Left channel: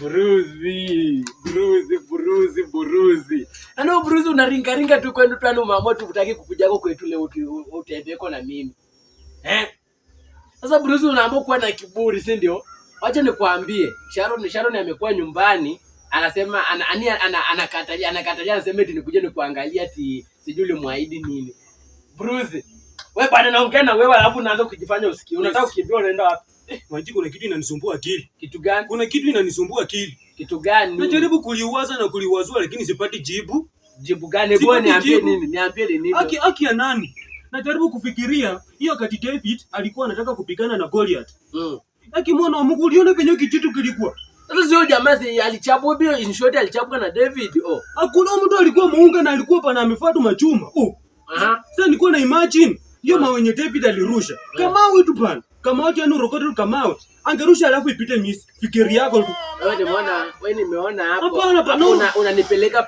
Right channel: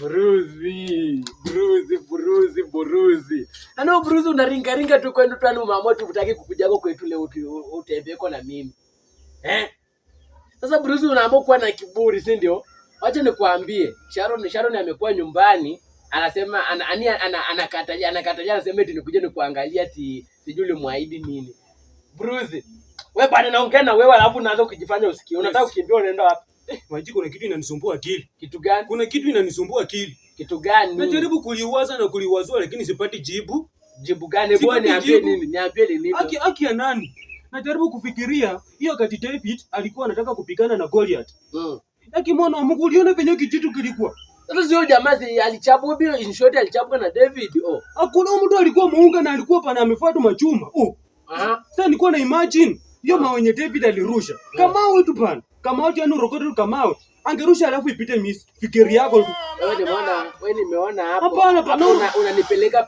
Buruzi. Ano buruzi unaringa tu kwenda tu umeamua tu utaki kukujako kwetu leo utembeko na mimi. Sasa buruzi unaamua kuwa na kiburi, si ndio? Wacha nikwambie, Sharon amekuwa nyumbani, anasema anakatalia anasema eti nikuje nikuangalia ati sijui muahidi nini. Buruzi. Wewe bwana naongea na wewe alafu unaanza kujifanya usikie. Unataka kukimbia unaenda wapi? Maji, kuna kitu inanisumbua akili. Kitu gani? Kuna kitu inanisumbua akili. Kitu gani? Najaribu kuliwaza na kuliwazua lakini sipati jibu. Jibu gani? Bwana niambie nini? Niambie nini? Haki ya nani? Najaribu kufikiria hiyo wakati David alikuwa anataka kupigana na Goliath. Haki mwana wa Mungu, uliona penye kitu kilikuwa. Sasa sio jamaa alichapwa bio in short alichapwa na David. Hakuna mtu alikuwa muunga na alikuwa pana amefuata machuma. Sasa nilikuwa na imagine hiyo mawe yenye David alirusha. Kama wetu pana. Kama watu yani rokoto kama wao. Angerusha alafu ipite miss. Fikiri yako. Wewe nimeona hapo. Hapana.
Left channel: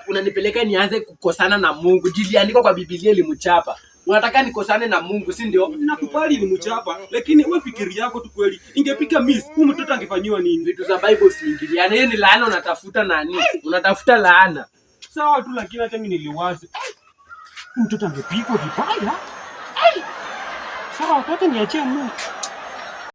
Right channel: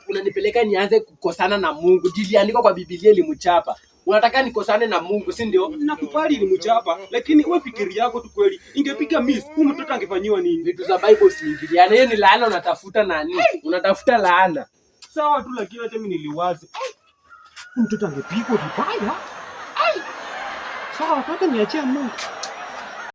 Unanipeleka nianze kukosana na Mungu. Jiliandika kwa Biblia ilimchapa. Unataka nikosane na Mungu, si ndio? Nakubali ilimchapa, lakini wewe fikiri yako tu kweli. Ingepiga miss, huyu mtoto angefanyiwa nini? Vitu za Bible usiingiliane. Hiyo ni laana unatafuta nani? Unatafuta laana. Sawa tu, lakini hata mimi niliwaza. Huyu mtoto angepigwa vibaya. Sawa, nataka niachie Mungu.